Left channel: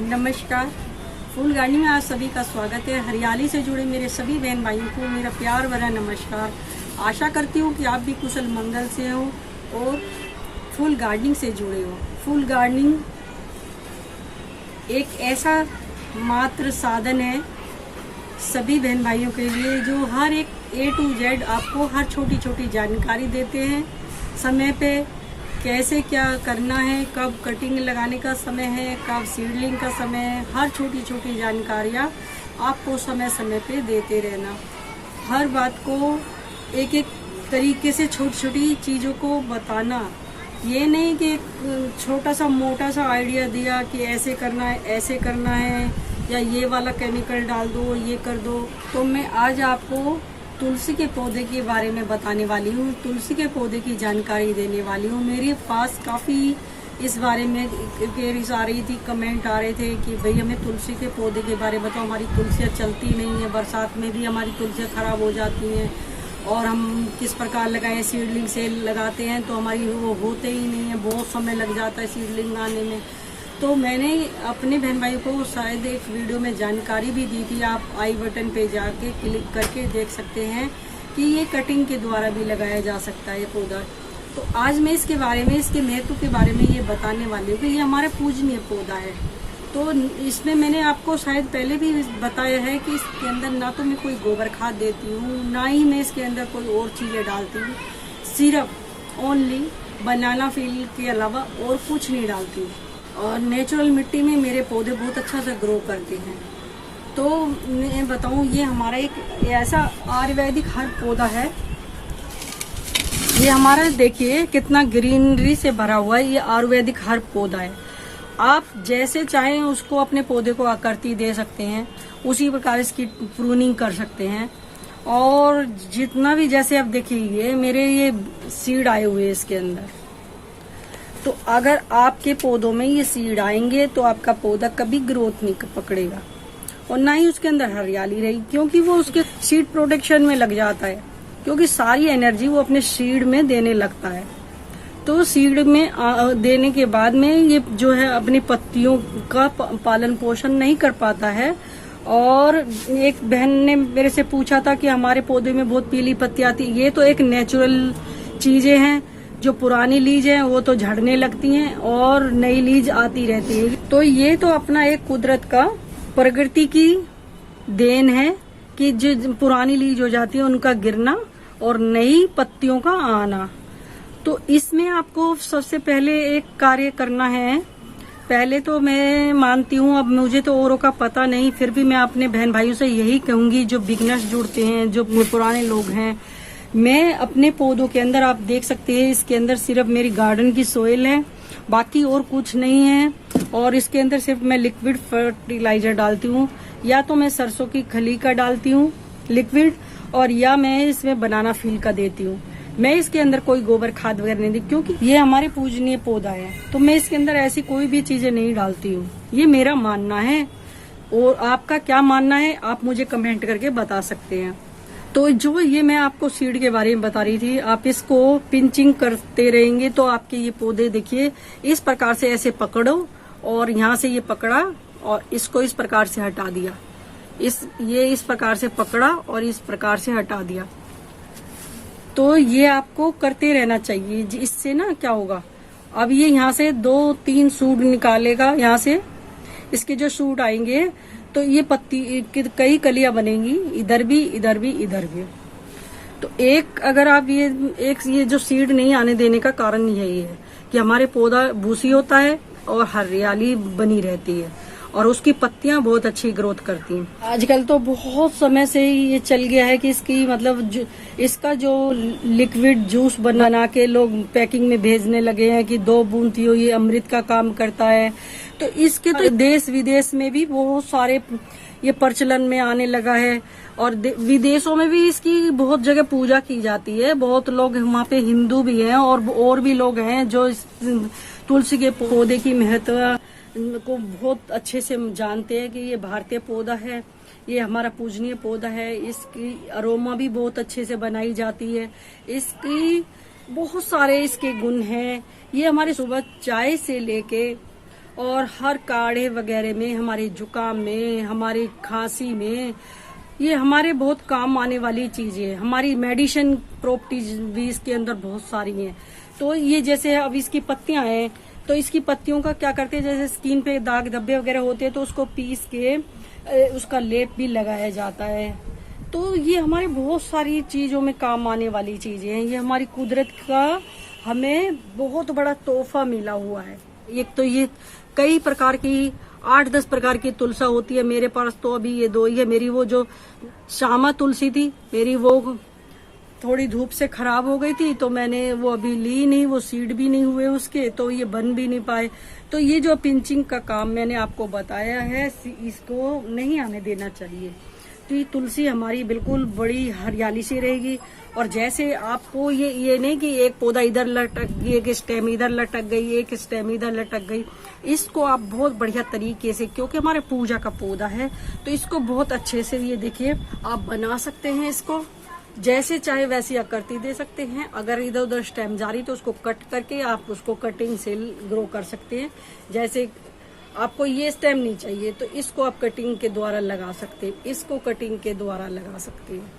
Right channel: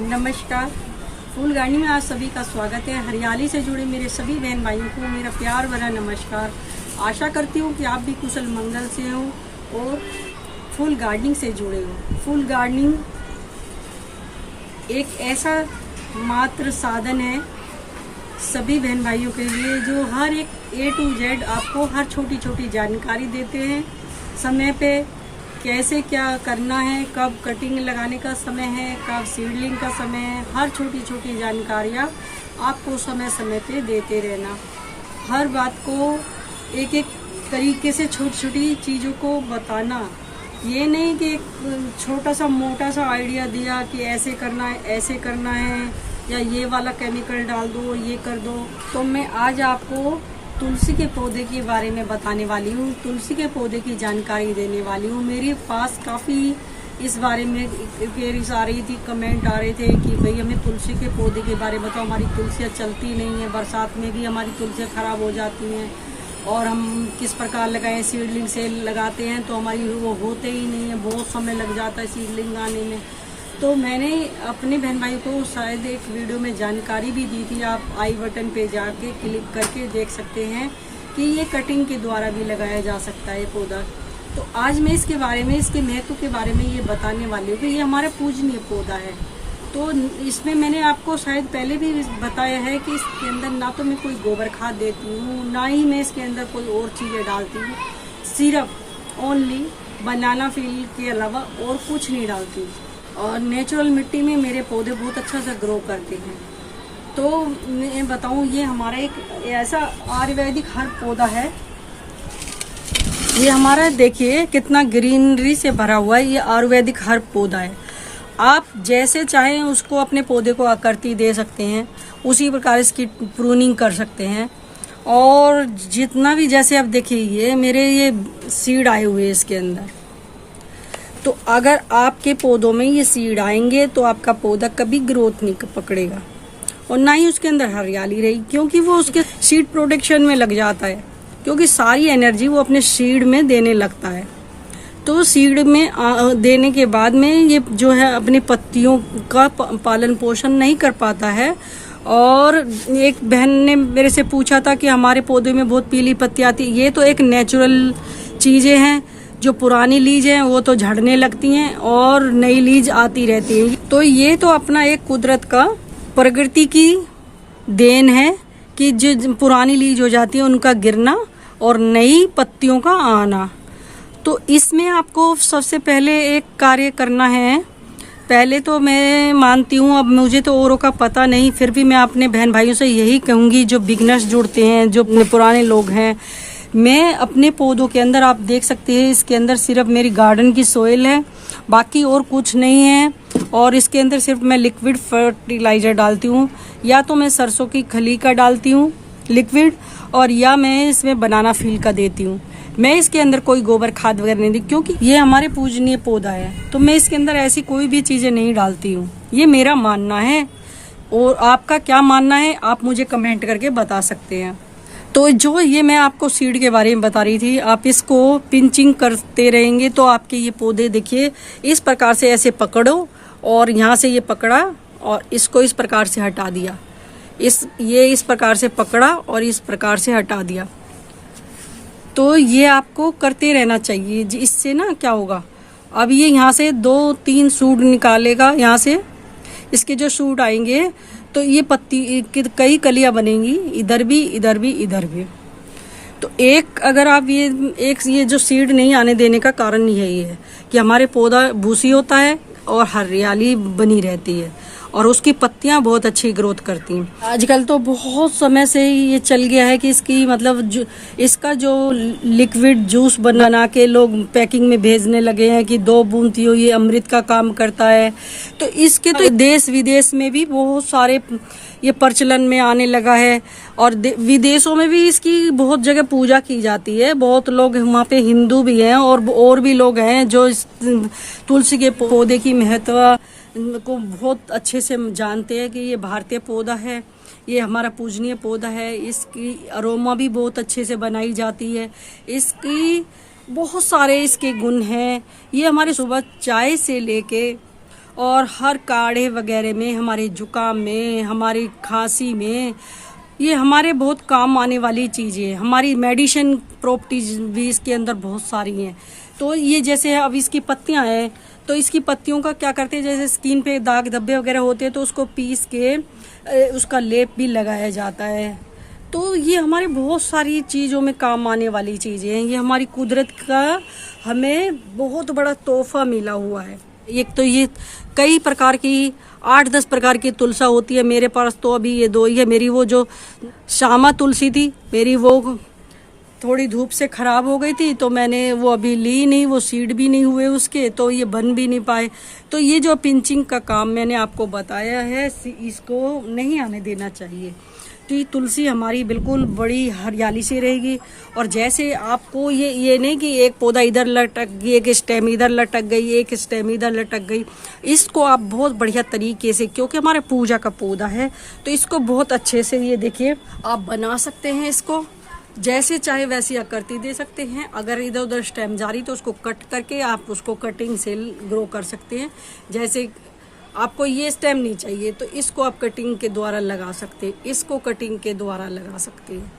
नमस्कार। फूल गार्डनिंग में आज सभी का स्वागत है। हरियाली से जुड़े मेरे सभी बहन भाइयों को मेरा प्यार भरा नमस्कार। आशा करती हूँ कि आप भी कुशल मंगल से हो और फूल गार्डनिंग से जुड़े हो। फूल गार्डनिंग एक ऐसा मात्र साधन है सभी बहन भाइयों के लिए जो हर एक A to Z आपको हर छोटी छोटी जानकारी देते हैं। समय पे कैसे क्या करना है, कब कटिंग लगाने का समय है, कब सीडलिंग का समय है, हर छोटी छोटी जानकारियाँ आपको समय समय पे देते रहना। हर बात को एक एक तरीके से छोटी छोटी चीज़ों को बताना। ये नहीं कि एक छोटा सा मोटा सा आइडिया दिया कि ऐसे करना है, ऐसे करना है, या ये वाला केमिकल डाल दो, ये कर दो। तो मैं आज आपको तुलसी के पौधे के बारे में बताने वाली हूँ, तुलसी के पौधे की जानकारी देने वाली हूँ। मेरे पास काफ़ी इस बारे में क्वेरीज आ रही थी, कमेंट आ रहे थे कि भाई हमें तुलसी के पौधे के बारे में बताओ। हमारी तुलसियाँ चलती नहीं है, बरसात में भी हमारी तुलसियाँ ख़राब हो जाती हैं और हम किस प्रकार लगाएं। सीडलिंग से लगाते हैं तो हमारी वो होते ही नहीं है, बहुत समय लग जाता है सीडलिंग आने में। तो मैंने अपने बहन भाई को शायद एक वीडियो में जानकारी भी दी थी, आप आई बटन पे जाके क्लिक करके देख सकते हैं कि ये कटिंग के द्वारा भी लगाया जा सकता है ये पौधा। तो आज मैं इसके बारे में, इसके महत्व के बारे में ये बताने वाली हूँ कि ये हमारा पूजनीय पौधा है। तो इसमें मैंने आपको शायद पहले भी बताया है कि इसके अंदर ना तो मैं कोई गोबर खाद देती हूँ, ना ही मैं इसके अंदर कोई और चीज़ें डालती हूँ। सिर्फ ओनली बनाना फील के अलावा और कुछ नहीं डालती। और नेचुरल मिट्टी में मेरे पौधे बहुत अच्छा से ग्रो करते हैं। तो मैं बताऊं, ये हमारा एक ऐसा आयुर्वेदिक हर्ब पौधा है। ये हमारा देखिए कितना ग्रीनरी से भरा हुआ है। ये आयुर्वेदिक हर्ब पौधा है। आप जैसे चाहें उसको अपने पौधे को आकृति दे सकते हैं, उसी प्रकार इसकी प्रूनिंग कर सकते हैं। और जितना भी, जैसे आप देखिए ये मेरे ये सीड आए हुए हैं इसके अंदर। तो अगर आपके पौधों में ये सीड आएंगे तो आपका पौधा कभी ग्रोथ नहीं पकड़ेगा और ना ही उसके अंदर हरियाली रहेगी, क्योंकि वो उसके सीड प्रोटेक्शन में लग जाता है, क्योंकि सारी एनर्जी वो अपने सीड में देने लगता है। तो सीड में देने के बाद में ये जो है अपनी पत्तियों का पालन पोषण नहीं कर पाता है। और एक बहन ने मेरे से पूछा था कि हमारे पौधे में बहुत पीली पत्ती आती है। ये तो एक नेचुरल चीजें हैं। जो पुरानी लीज है वो तो झड़ने लगती हैं और नई लीज आती रहती है। तो ये तो अपना एक कुदरत का, प्रकृति की देन है कि जो पुरानी लीज हो जाती है उनका गिरना और नई पत्तियों का आना। तो इसमें आपको सबसे पहले एक कार्य करना है। पहले तो मैं मानती हूँ, अब मुझे तो औरों का पता नहीं, फिर भी मैं अपने बहन भाइयों से यही कहूँगी जो बिगनर्स जुड़ते हैं, जो पुराने लोग हैं। मैं अपने पौधों के अंदर, आप देख सकते हैं इसके अंदर सिर्फ मेरी गार्डन की सोइल है, बाकी और कुछ नहीं है। और इसके अंदर सिर्फ मैं लिक्विड फर्टिलाइजर डालती हूँ, या तो मैं सरसों की खली का डालती हूँ लिक्विड, और या मैं इसमें बनाना फील का देती हूँ। मैं इसके अंदर कोई गोबर खाद वगैरह नहीं दी, क्योंकि ये हमारे पूजनीय पौधा है। तो मैं इसके अंदर ऐसी कोई भी चीजें नहीं डालती हूँ। ये मेरा मानना है, और आपका क्या मानना है आप मुझे कमेंट करके बता सकते हैं। तो जो ये मैं आपको सीड के बारे में बता रही थी, आप इसको पिंचिंग करते रहेंगे तो आपके ये पौधे देखिए इस प्रकार से ऐसे पकड़ो, और यहाँ से ये पकड़ा और इसको इस प्रकार से हटा दिया, ये इस प्रकार से पकड़ा और इस प्रकार से हटा दिया। तो ये आपको करते रहना चाहिए। इससे ना क्या होगा, अब ये यहाँ से 2-3 सूट निकालेगा, यहाँ से इसके जो सूट आएंगे तो ये पत्ती कई कलियां बनेंगी, इधर भी, इधर भी, इधर भी। तो एक अगर आप ये जो सीड नहीं आने देने का कारण यही है कि हमारे पौधा भूसी होता है और हरियाली बनी रहती है और उसकी पत्तियां बहुत अच्छी ग्रोथ करती हैं। आजकल तो बहुत समय से ये चल गया है कि इसकी मतलब इसका जो लिक्विड जूस बना के लोग पैकिंग में भेजने लगे हैं कि 2 बूंद पियो, ये अमृत का काम करता है। तो इसके तो देश विदेश में भी बहुत सारे ये प्रचलन में आने लगा है, और विदेशों में भी इसकी बहुत जगह पूजा की जाती है। बहुत लोग वहाँ पे हिंदू भी हैं और भी लोग हैं जो इस तुलसी के पौधे की महत्व को बहुत अच्छे से जानते हैं कि ये भारतीय पौधा है, ये हमारा पूजनीय पौधा है। इसकी अरोमा भी बहुत अच्छे से बनाई जाती है। इसकी बहुत सारे इसके गुण हैं। ये हमारे सुबह चाय से लेके और हर काढ़े वगैरह में, हमारे जुकाम में, हमारी खांसी में ये हमारे बहुत काम आने वाली चीज़ें हैं। हमारी मेडिसिन प्रॉपर्टीज भी इसके अंदर बहुत सारी हैं। तो ये जैसे अब इसकी पत्तियां हैं, तो इसकी पत्तियों का क्या करते हैं, जैसे स्किन पे दाग धब्बे वगैरह होते हैं तो उसको पीस के उसका लेप भी लगाया जाता है। तो ये हमारे बहुत सारी चीज़ों में काम आने वाली चीज़ें हैं। ये हमारी कुदरत का हमें बहुत बड़ा तोहफा मिला हुआ है। एक तो ये कई प्रकार की 8-10 प्रकार की तुलसा होती है। मेरे पास तो अभी ये 2 ही है। मेरी वो जो श्यामा तुलसी थी, मेरी वो थोड़ी धूप से खराब हो गई थी, तो मैंने वो अभी ली नहीं, वो सीड भी नहीं हुए उसके, तो ये बन भी नहीं पाए। तो ये जो पिंचिंग का काम मैंने आपको बताया है, इसको नहीं आने देना चाहिए। तो ये तुलसी हमारी बिल्कुल बड़ी हरियाली से रहेगी। और जैसे आपको ये नहीं कि एक पौधा इधर लटक गई, एक स्टेम इधर लटक गई, एक स्टेम इधर लटक गई, इसको आप बहुत बढ़िया तरीके से, क्योंकि हमारे पूजा का पौधा है, तो इसको बहुत अच्छे से ये देखिए आप बना सकते हैं। इसको जैसे चाहे वैसी आकृति दे सकते हैं। अगर इधर उधर स्टेम जा रही तो उसको कट करके आप उसको कटिंग से ग्रो कर सकते हैं। जैसे आपको ये स्टेम नहीं चाहिए तो इसको आप कटिंग के द्वारा लगा सकते हैं, इसको कटिंग के द्वारा लगा सकते हैं।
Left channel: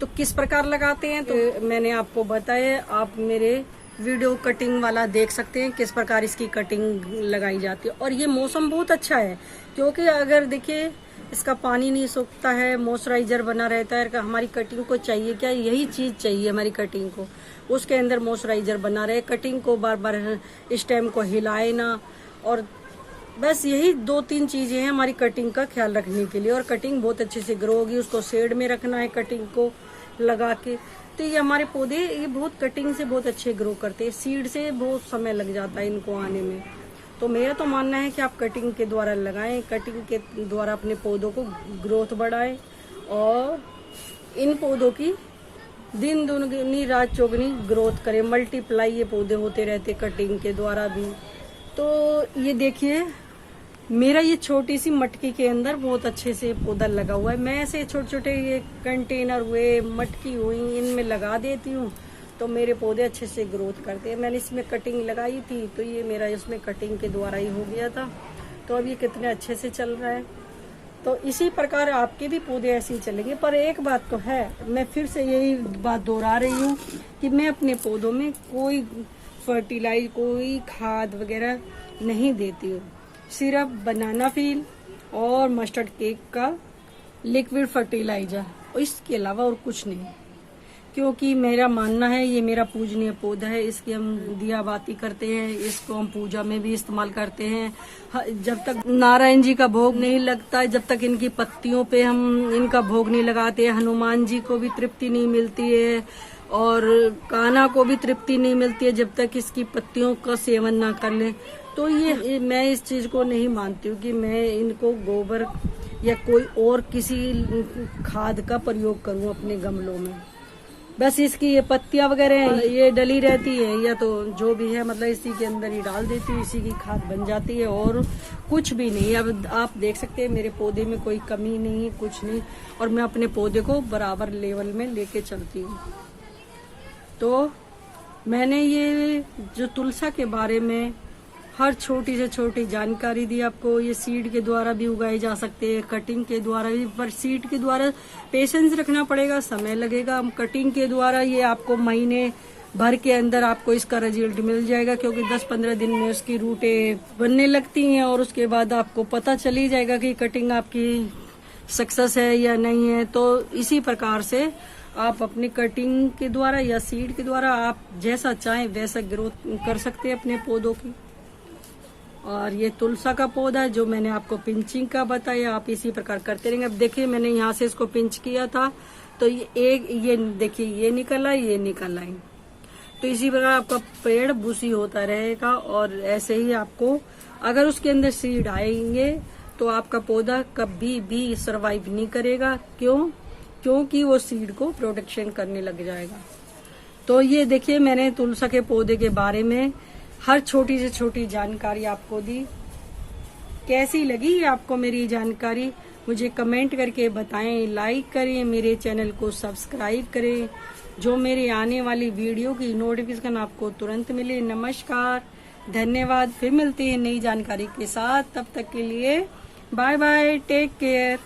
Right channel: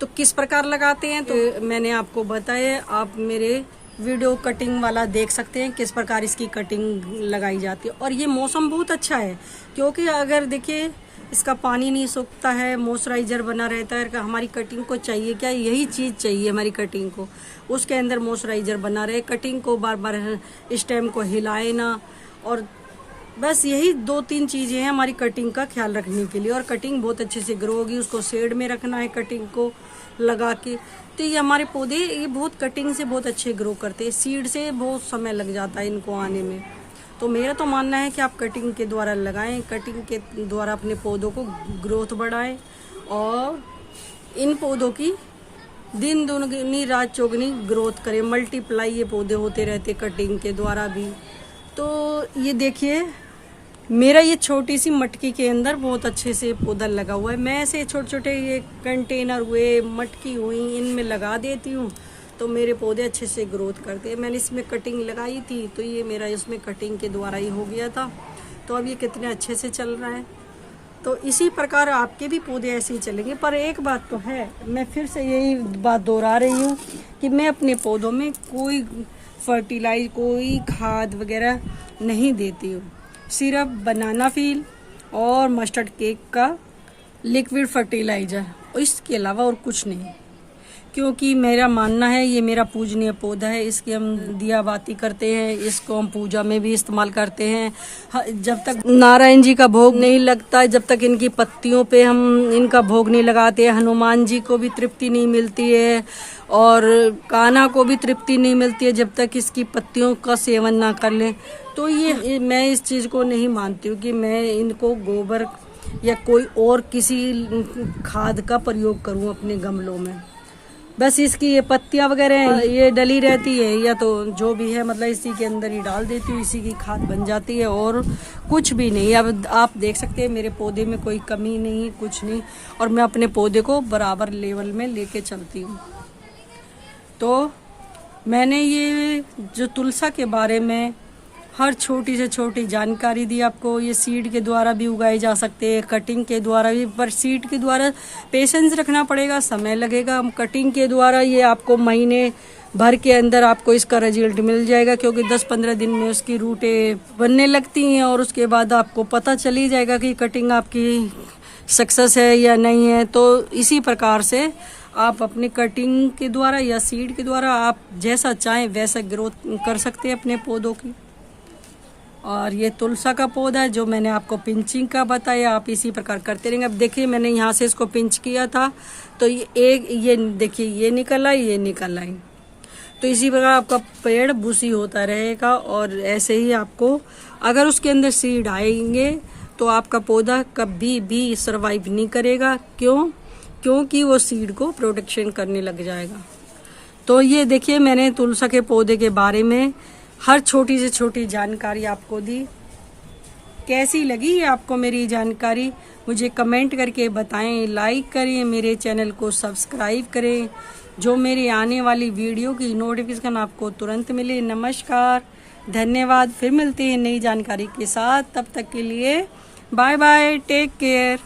तो किस प्रकार लगाते हैं तो मैंने आपको बताया, आप मेरे वीडियो कटिंग वाला देख सकते हैं किस प्रकार इसकी कटिंग लगाई जाती है। और ये मौसम बहुत अच्छा है, क्योंकि अगर देखिए इसका पानी नहीं सूखता है, मॉइस्चराइजर बना रहता है। हमारी कटिंग को चाहिए क्या, यही चीज़ चाहिए हमारी कटिंग को, उसके अंदर मॉइस्चराइजर बना रहे, कटिंग को बार बार स्टेम को हिलाए ना, और बस यही 2-3 चीज़ें हैं हमारी कटिंग का ख्याल रखने के लिए। और कटिंग बहुत अच्छे से ग्रो होगी, उसको शेड में रखना है कटिंग को लगा के। तो ये हमारे पौधे ये बहुत कटिंग से बहुत अच्छे ग्रो करते हैं। सीड से बहुत समय लग जाता है इनको आने में। तो मेरा तो मानना है कि आप कटिंग के द्वारा लगाएं, कटिंग के द्वारा अपने पौधों को ग्रोथ बढ़ाएं, और इन पौधों की दिन दुगनी रात चौगनी ग्रोथ करें। मल्टीप्लाई ये पौधे होते रहते कटिंग के द्वारा भी। तो ये देखिए मेरा ये छोटी सी मटकी के अंदर बहुत अच्छे से पौधा लगा हुआ है। मैं ऐसे छोटे छोटे ये कंटेनर हुए, मटकी हुई, इनमें लगा देती हूँ तो मेरे पौधे अच्छे से ग्रोथ करते हैं। मैंने इसमें कटिंग लगाई थी तो ये मेरा इसमें कटिंग के द्वारा ही हो गया था। तो अब ये कितने अच्छे से चल रहा है। तो इसी प्रकार आपके भी पौधे ऐसे ही चलेंगे। पर एक बात तो है, मैं फिर से यही बात दोहरा रही हूँ कि मैं अपने पौधों में कोई फर्टिलाइज, कोई खाद वगैरह नहीं देती हूँ। सिर्फ बनाना फील और मस्टर्ड केक का लिक्विड फर्टिलाइजर, इसके अलावा और कुछ नहीं। क्योंकि मेरा मानना है ये मेरा पूजनीय पौधा है, इसकी हम दिया बाती करते हैं, इसको हम पूजा में भी इस्तेमाल करते हैं। जब तक नारायण जी का भोग नहीं लगता, जब तक इनकी पत्तियों पे हम इनका भोग नहीं लगाते, हनुमान जी को भी तृप्ति नहीं मिलती है और कान्हा को भी तृप्ति नहीं मिलती है जब तक इसकी पत्तियों का सेवन ना कर ले। तो ये मैं इस चीज़ को नहीं मानती हूँ कि मैं इनको गोबर या कोई और किसी खाद का प्रयोग करूँ अपने गमलों में। बस इसकी ये पत्तियां वगैरह ये डली रहती है या तो जो भी है, मतलब इसी के अंदर ही डाल देती हूँ, इसी की खाद बन जाती है और कुछ भी नहीं। अब आप देख सकते हैं मेरे पौधे में कोई कमी नहीं है, कुछ नहीं। और मैं अपने पौधे को बराबर लेवल में लेके चलती हूँ। तो मैंने ये जो तुलसा के बारे में हर छोटी से छोटी जानकारी दी आपको। ये सीड के द्वारा भी उगाए जा सकते हैं, कटिंग के द्वारा भी, पर सीड के द्वारा पेशेंस रखना पड़ेगा, समय लगेगा। हम कटिंग के द्वारा ये आपको महीने भर के अंदर आपको इसका रिजल्ट मिल जाएगा, क्योंकि 10-15 दिन में उसकी रूटें बनने लगती हैं और उसके बाद आपको पता चल ही जाएगा कि कटिंग आपकी सक्सेस है या नहीं है। तो इसी प्रकार से आप अपने कटिंग के द्वारा या सीड के द्वारा आप जैसा चाहें वैसा ग्रोथ कर सकते हैं अपने पौधों की। और ये तुलसा का पौधा है जो मैंने आपको पिंचिंग का बताया, आप इसी प्रकार करते रहेंगे। अब देखिए मैंने यहाँ से इसको पिंच किया था तो ये देखिए ये निकल आई, ये निकल आई। तो इसी प्रकार आपका पेड़ बुशी होता रहेगा। और ऐसे ही आपको अगर उसके अंदर सीड आएंगे तो आपका पौधा कभी भी सर्वाइव नहीं करेगा। क्योंकि वो सीड को प्रोटेक्शन करने लग जाएगा। तो ये देखिए मैंने तुलसा के पौधे के बारे में हर छोटी से छोटी जानकारी आपको दी। कैसी लगी आपको मेरी जानकारी मुझे कमेंट करके बताएं, लाइक करें, मेरे चैनल को सब्सक्राइब करें, जो मेरी आने वाली वीडियो की नोटिफिकेशन आपको तुरंत मिले। नमस्कार, धन्यवाद। फिर मिलते हैं नई जानकारी के साथ, तब तक के लिए बाय बाय, टेक केयर।